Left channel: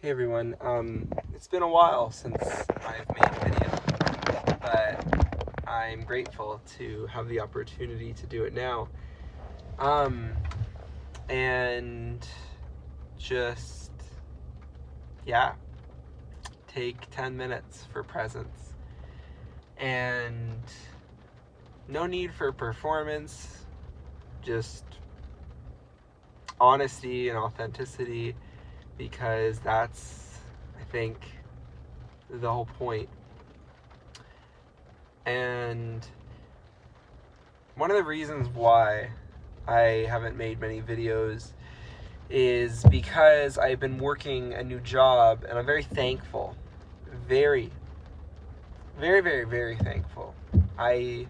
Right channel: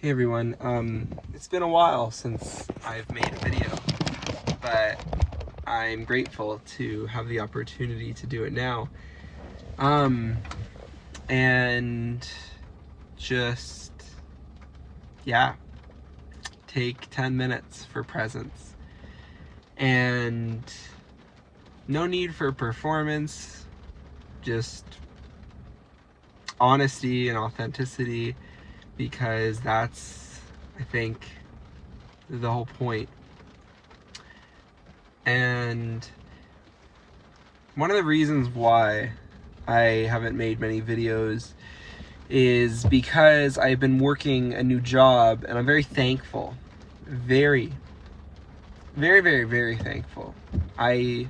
Hey everyone, it's been a while since I've made a video, but I'm grateful to have the opportunity to do it now. And just, yeah, take 10 minutes for presence. And no need for performance, just honesty and authenticity, because that's, I think, the whole point. And one of the reasons why I haven't made many videos is because I've been working a new job, and I'm very thankful. Very, very, very, very thankful. I'm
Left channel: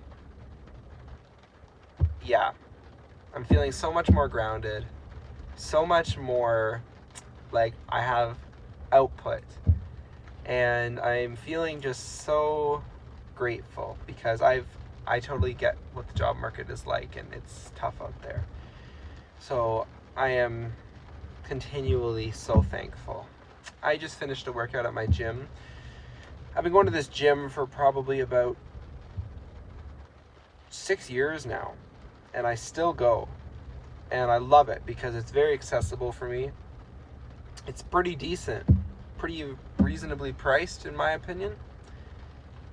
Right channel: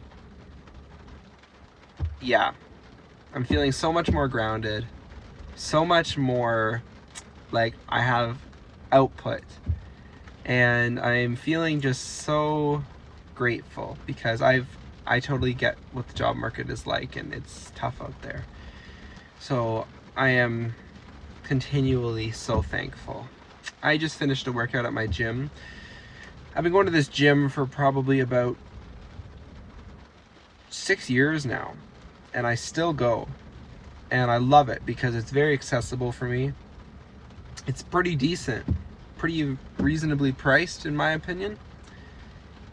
feeling so much more grounded, so much more like I have output, and I'm feeling just so grateful because I totally get what the job market is like, and it's tough out there. So I am continually so thankful. I just finished a workout at my gym. I've been going to this gym for probably about 6 years now, and I still go, and I love it because it's very accessible for me. It's pretty decent, pretty reasonably priced in my opinion,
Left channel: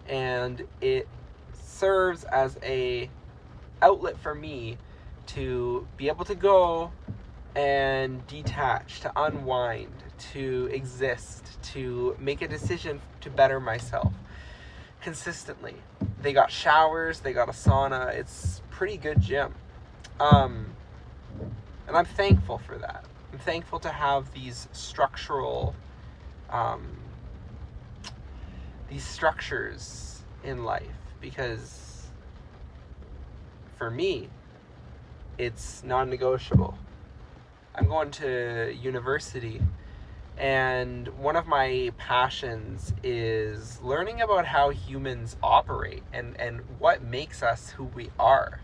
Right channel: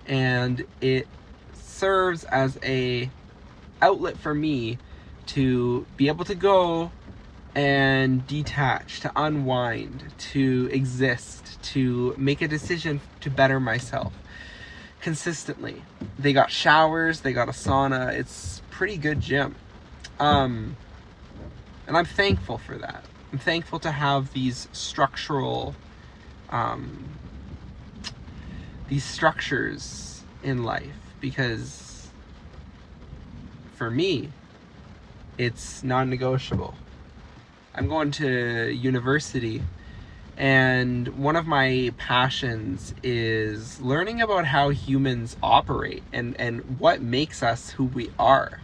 and it serves as a outlet for me to be able to go and detach, to unwind, to exist, to make a decision to better myself consistently. They got showers, they got a sauna. It's pretty good gym. And I'm thankful for that. I'm thankful to have these structural, these structures in life, because for me, it's non-negotiable. I'm going to university, and one of my passions is learning about how humans operate and what makes us who we are.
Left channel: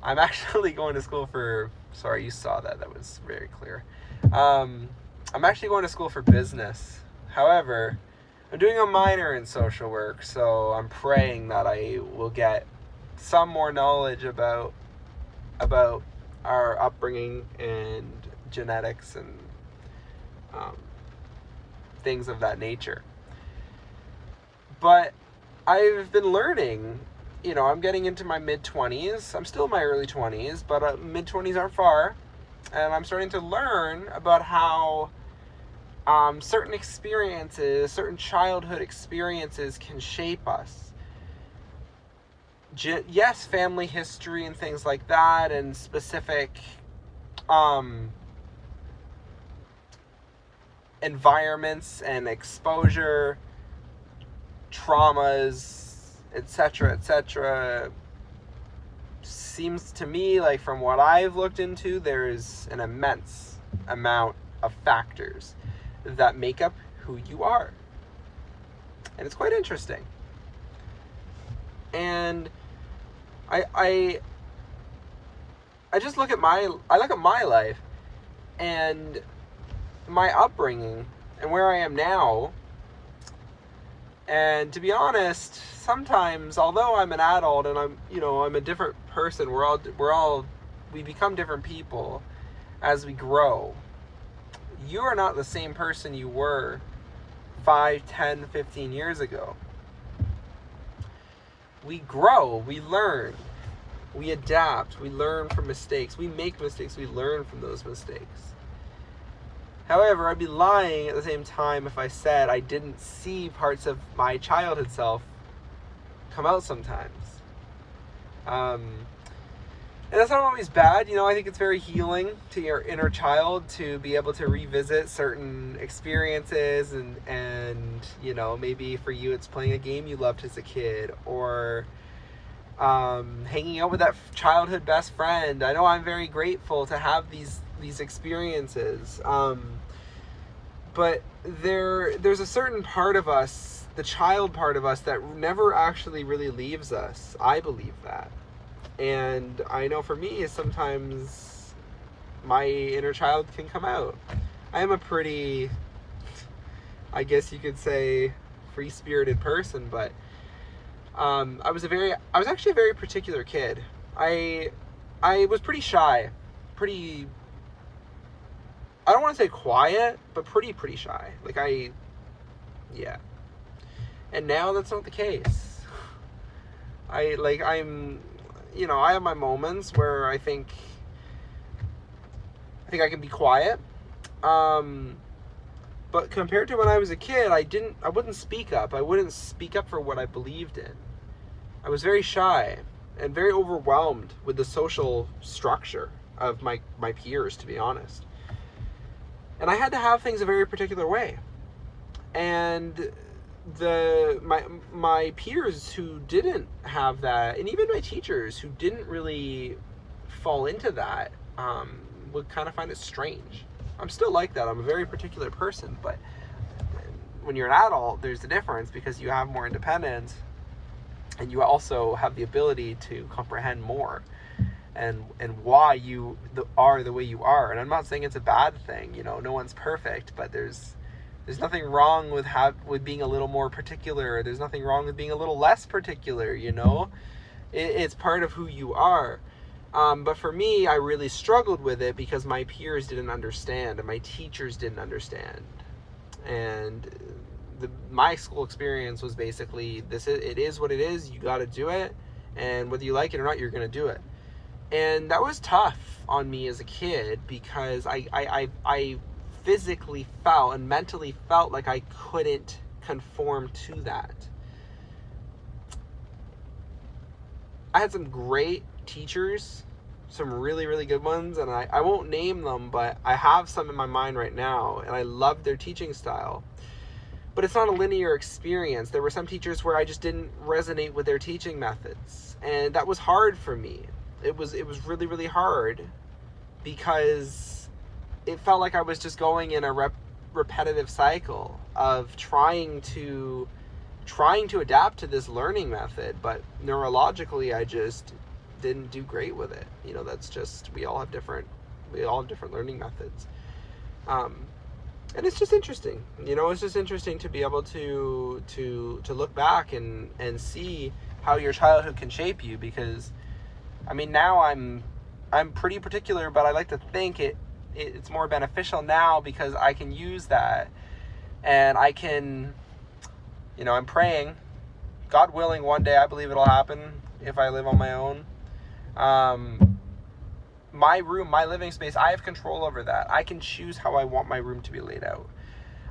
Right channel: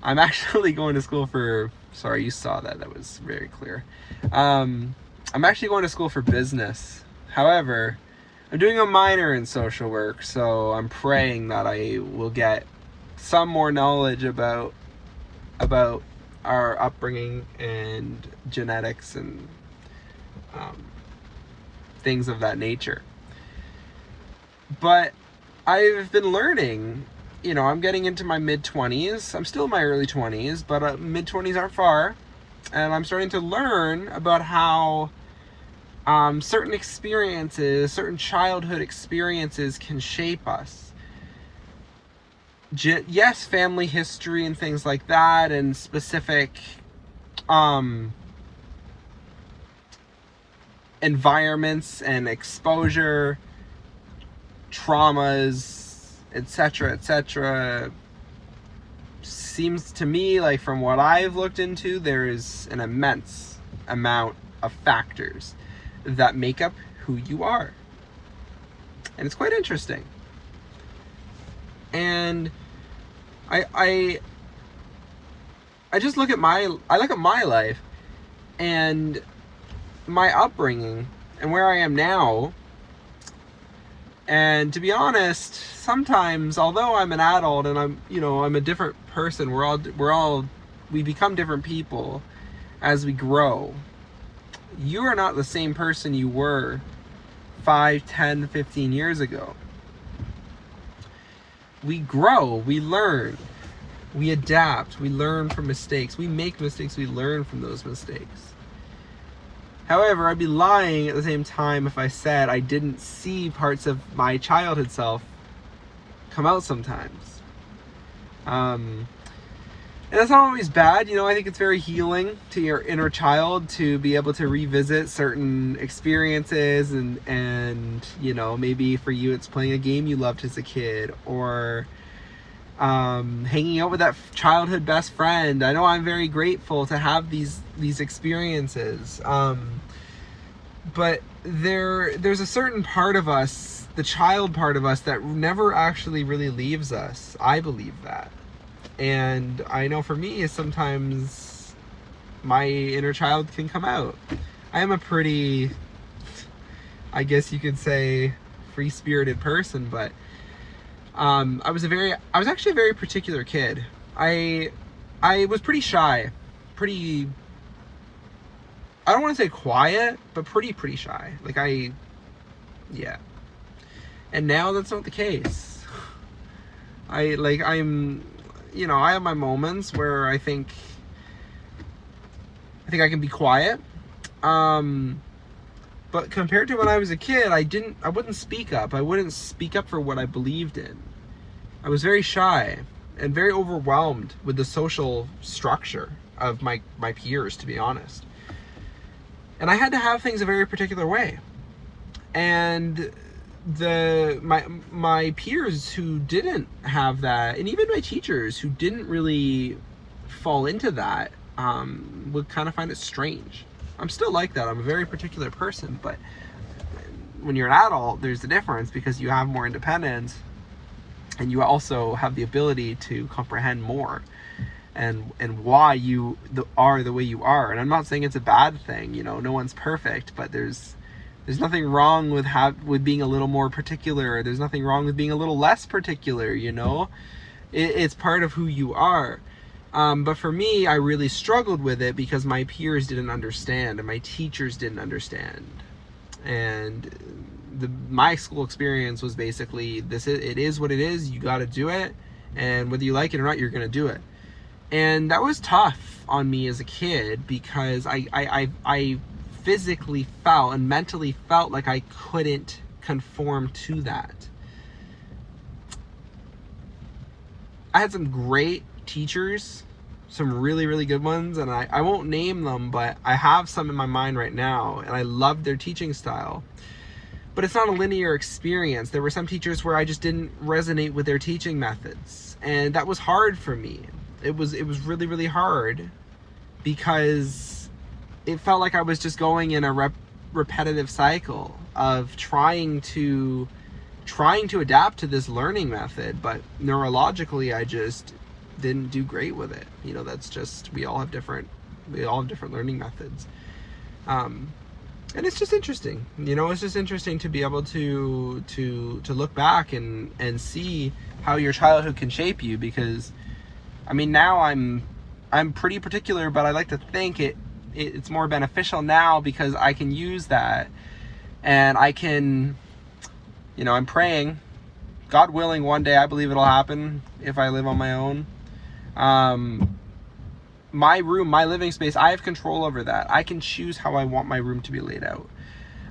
I'm actually going to school for, sorry, you saw that, that was very clear. I'm actually going to school for business. However, I'm doing a minor in social work, so I'm praying that I will get some more knowledge about our upbringing and genetics and things of that nature. But I've been learning, I'm getting into my mid-20s. I'm still in my early 20s, but mid-20s aren't far. And I'm starting to learn about how certain experiences, certain childhood experiences can shape us. Yes, family history and things like that, and specific environments and exposure, traumas, etc., seems to me like, from what I've looked into, there's an immense amount of factors that make up who you are. And it's quite interesting. And I just look at my life and my upbringing and where I am now. And to be honest, sometimes, although I'm an adult and I'm a different person, we become different people as we grow. You are not the same person you were 5, 10, 15 years ago. We grow, we learn, we adapt, we learn from mistakes. We make mistakes, we learn from those mistakes. However, I'd be lying at the same time if I said I didn't see parts of my childhood self come out sometimes. And that's not always bad. I think it's very healing to your inner child to be able to revisit certain experiences, and maybe for you it's playing a game you loved as a kid, or hanging out with that childhood best friend. I know I'm very grateful to have these experiences. But there's a certain part of us, the child part of us, that never actually really leaves us. I believe that. And I know for me, sometimes my inner child can come out. I am a pretty I guess you could say, free-spirited person, but I was actually a very particular kid. I was pretty shy, pretty, I don't want to say quiet, but pretty shy. Like yeah. And now that's not the case. I have my moments where I think I can be quiet. But compared to when I was a kid, I wouldn't speak up. I wouldn't speak up for what I believed in. I was very shy and very overwhelmed with the social structure of my peers, to be honest. And I had to have things a very particular way. And my peers who didn't have that, and even my teachers who didn't really fall into that, would kind of find it strange. I'm still like that. I'm a very particular person, but when you're an adult, there's a difference because you have more independence and you also have the ability to comprehend more and why you are the way you are. And I'm not saying it's a bad thing, no one's perfect, but there's nothing wrong with being a little more particular. There's nothing wrong with being a little less particular, It's part of who you are. But for me, I really struggled with it because my peers didn't understand and my teachers didn't understand. And my school experience was basically, it is what it is, you gotta do it, and whether you like it or not, you're gonna do it. And that was tough on me as a kid because I physically felt and mentally felt like I couldn't conform to that. I had some great teachers, some really, really good ones, and I won't name them, but I have some in my mind right now, and I loved their teaching style. But it's not a linear experience. There were some teachers where I just didn't resonate with their teaching methods, and that was hard for me. It was really, really hard because it felt like I was just going in a repetitive cycle of trying to adapt to this learning method, but neurologically I just didn't do great with it. That's just, we all have different learning methods. And it's just interesting, it's just interesting to be able to look back and see how your childhood can shape you, because now I'm pretty particular, but I like to think it's more beneficial now because I can use that, and I can, I'm praying, God willing, one day I believe it'll happen if I live on my own. My room, my living space, I have control over that. I can choose how I want my room to be laid out.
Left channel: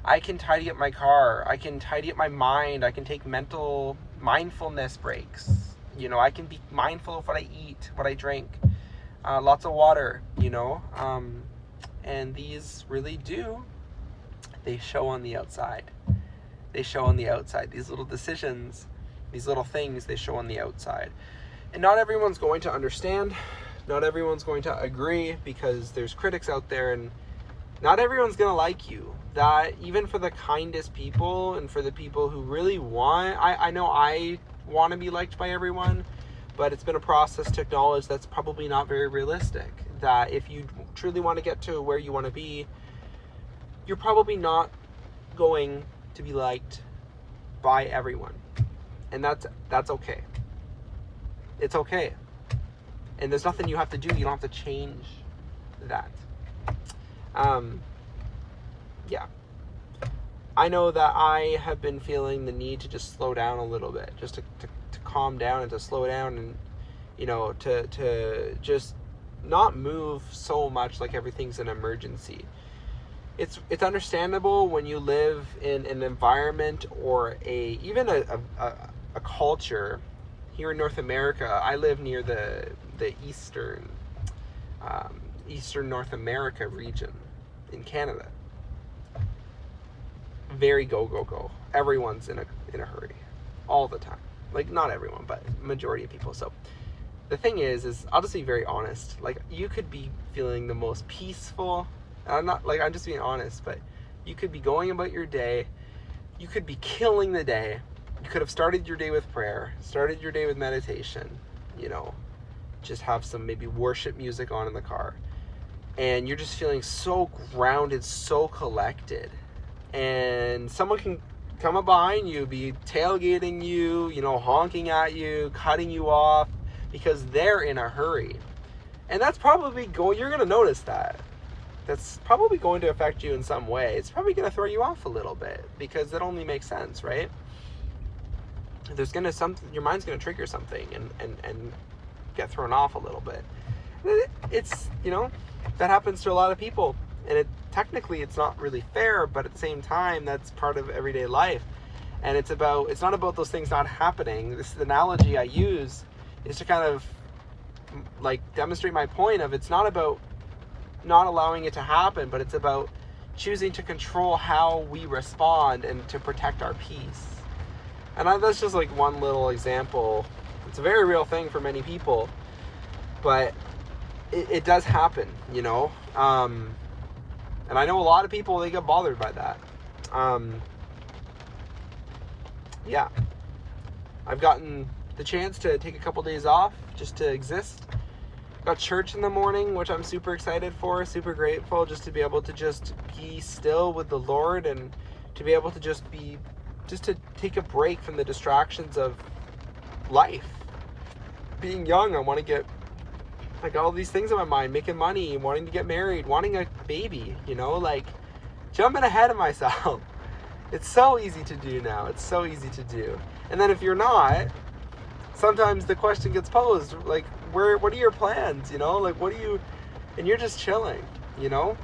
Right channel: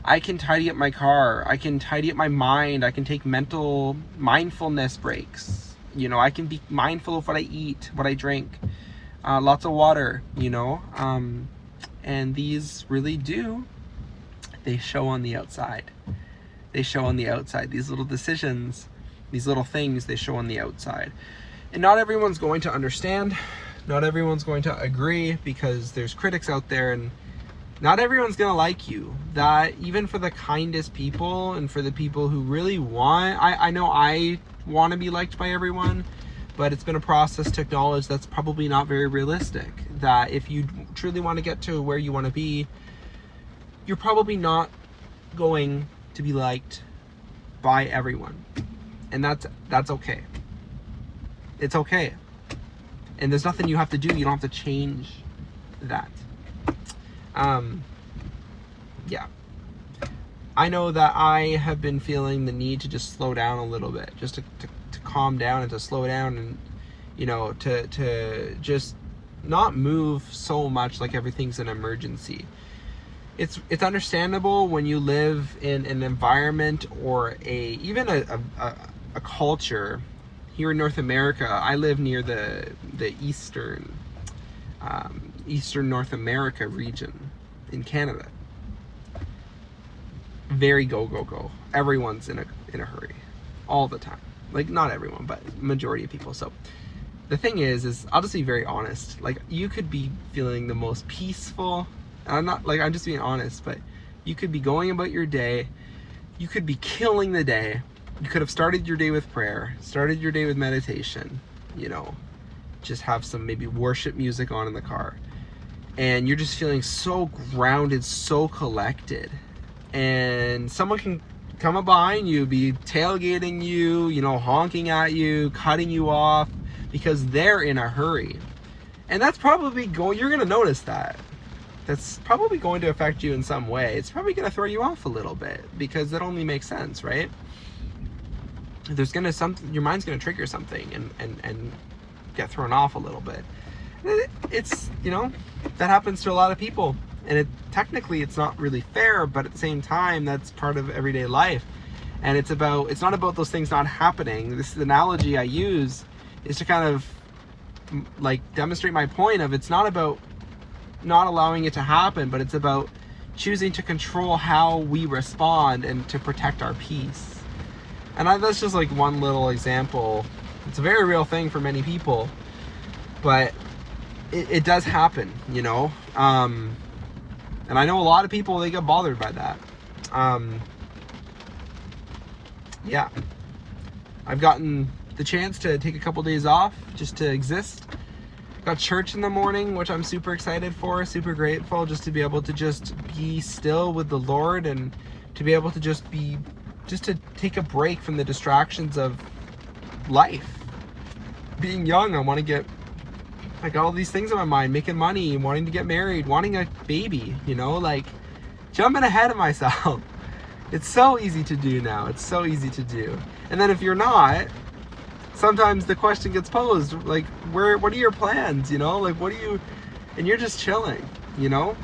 I can tidy up my car. I can tidy up my mind. I can take mindfulness breaks. I can be mindful of what I eat, what I drink, lots of water, and these really they show on the outside. They show on the outside. These little decisions, these little things, they show on the outside. And not everyone's going to understand. Not everyone's going to agree because there's critics out there, and not everyone's going to like you. That even for the kindest people and for the people who really want, I know I want to be liked by everyone, but it's been a process to acknowledge that's probably not very realistic. That if you truly want to get to where you want to be, you're probably not going to be liked by everyone. And that's okay. It's okay. And there's nothing you have to do. You don't have to change that. Yeah. I know that I have been feeling the need to just slow down a little bit, just to calm down and to slow down, and to just not move so much like everything's an emergency. It's understandable when you live in an environment or even a culture. Here in North America, I live near the eastern North America region in Canada. Very go. Everyone's in a hurry all the time. Like, not everyone, but majority of people. So the thing is I'll just be very honest. Like, you could be feeling the most peaceful. I'm just being honest, but you could be going about your day. You could be killing the day. You could have started your day with prayer, started your day with meditation, just have some maybe worship music on in the car. And you're just feeling so grounded, so collected. and someone can come up behind you, be tailgating you, you know, honking at you, cutting you off because they're in a hurry. And that's probably you're going to notice that. That's probably going to affect you in some way. It's probably going to throw you off a little bit because that only makes sense, right? There's going to your mind's going to trigger something and get thrown off a little bit. It's, you know, that happens to a lot of people. And technically it's not really fair, but at the same time, that's part of everyday life. And it's not about those things not happening. This analogy I use is to kind of like demonstrate my point of, it's not about not allowing it to happen, but it's about choosing to control how we respond and to protect our peace. And that's just like one little example. It's a very real thing for many people, but it does happen, you know? And I know a lot of people, they get bothered by that. Yeah. I've gotten the chance to take a couple days off just to exist. Got church in the morning, which I'm super excited for, super grateful just to be able to just be still with the Lord and to be able to just to take a break from the distractions of life. Being young, I got all these things in my mind, making money, wanting to get married, wanting a baby, you know, like jumping ahead of myself. It's so easy to do now. It's so easy to do. And then if you're not, sometimes the question gets posed, like, what are your plans, you know? Like, and you're just chilling, you know?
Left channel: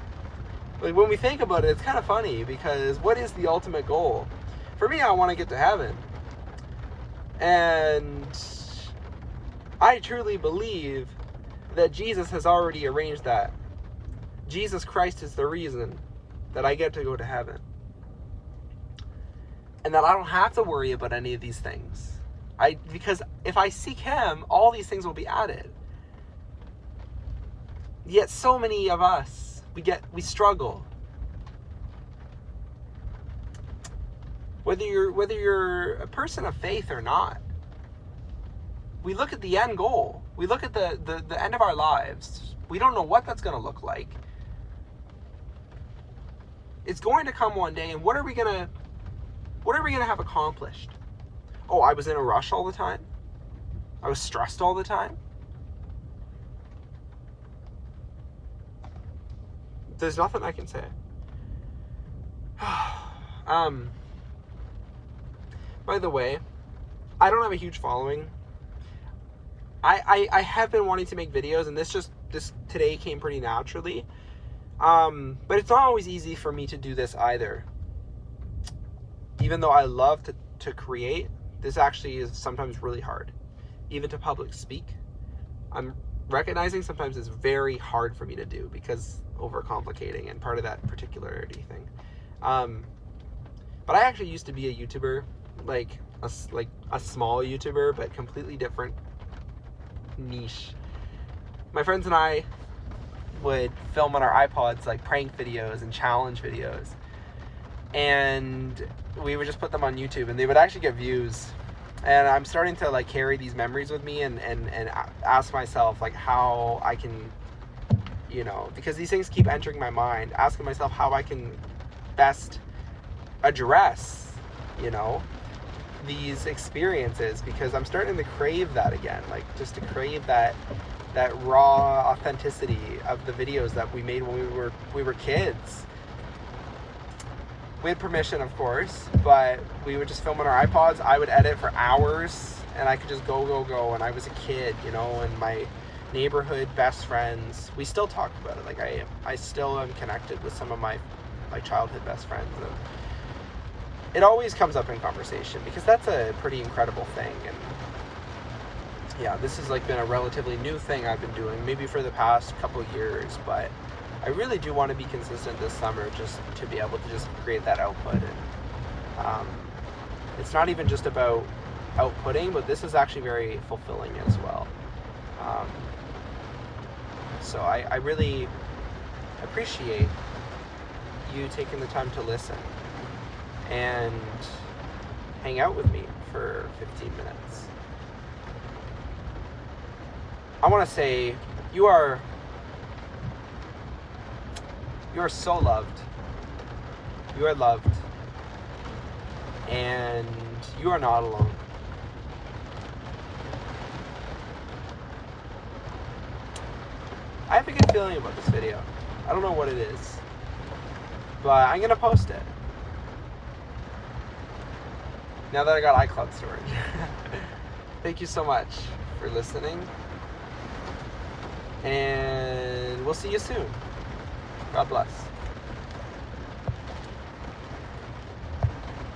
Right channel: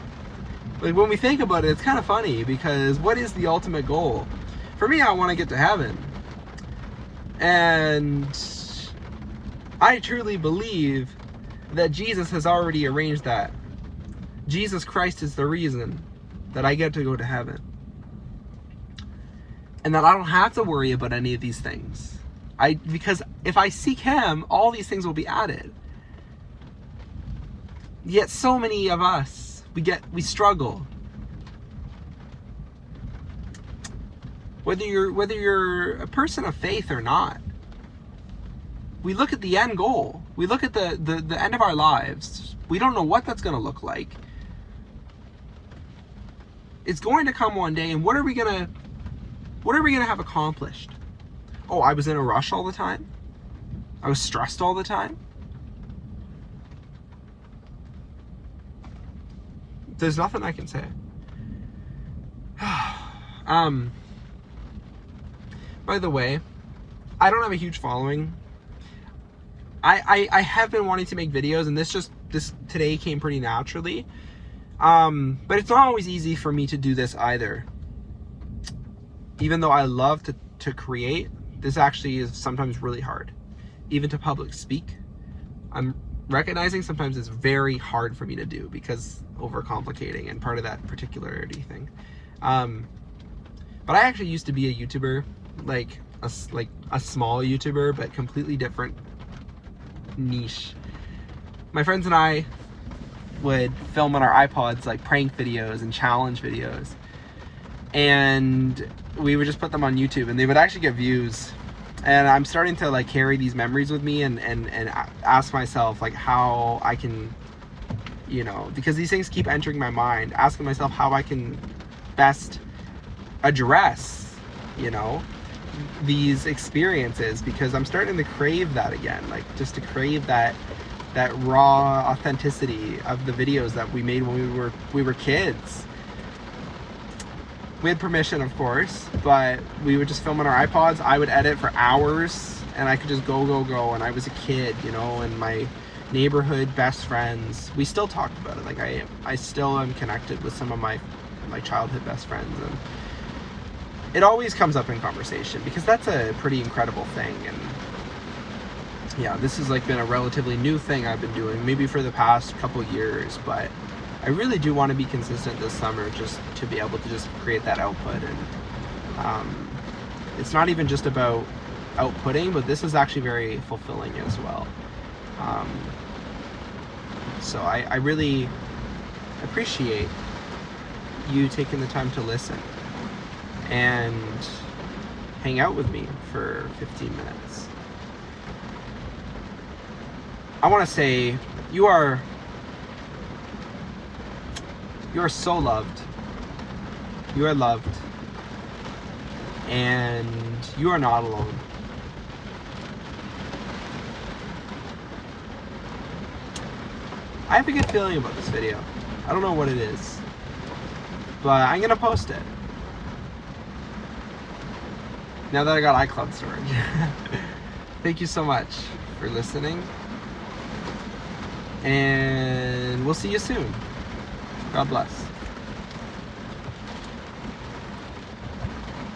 Like, when we think about it, it's kind of funny because what is the ultimate goal? For me, I want to get to heaven. And I truly believe that Jesus has already arranged that. Jesus Christ is the reason that I get to go to heaven. And that I don't have to worry about any of these things. Because if I seek Him, all these things will be added. Yet so many of us, we struggle. Whether you're a person of faith or not, we look at the end goal. We look at the end of our lives. We don't know what that's going to look like. It's going to come one day, and what are we going to have accomplished? Oh, I was in a rush all the time? I was stressed all the time? There's nothing I can say. By the way, I don't have a huge following. I have been wanting to make videos, and this today came pretty naturally. But it's not always easy for me to do this either. Even though I love to create, this actually is sometimes really hard. Even to public speak, I'm recognizing sometimes it's very hard for me to do because overcomplicating and part of that particularity thing. But I actually used to be a YouTuber, like a small YouTuber, but completely different niche. My friends and I would film on our iPods like prank videos and challenge videos, and we would just put them on YouTube, and they would actually get views. And I'm starting to like carry these memories with me and ask myself like how I can, you know, because these things keep entering my mind, asking myself how I can best address, you know, these experiences, because I'm starting to crave that again, like just to crave that raw authenticity of the videos that we made when we were kids. With permission, of course, but we would just film on our iPods. I would edit for hours, and I could just go. And I was a kid, you know, and my neighborhood best friends, we still talk about it. Like I still am connected with some of my childhood best friends, and it always comes up in conversation because that's a pretty incredible thing. And yeah, this has like been a relatively new thing I've been doing, maybe for the past couple years, but I really do want to be consistent this summer, just to be able to just create that output. And it's not even just about outputting, but this is actually very fulfilling as well. So I really appreciate you taking the time to listen and hang out with me for 15 minutes. I want to say you are so loved. You are loved. And you are not alone. I have a good feeling about this video. I don't know what it is, but I'm gonna post it. Now that I got iCloud storage. Thank you so much for listening. And we'll see you soon. God bless.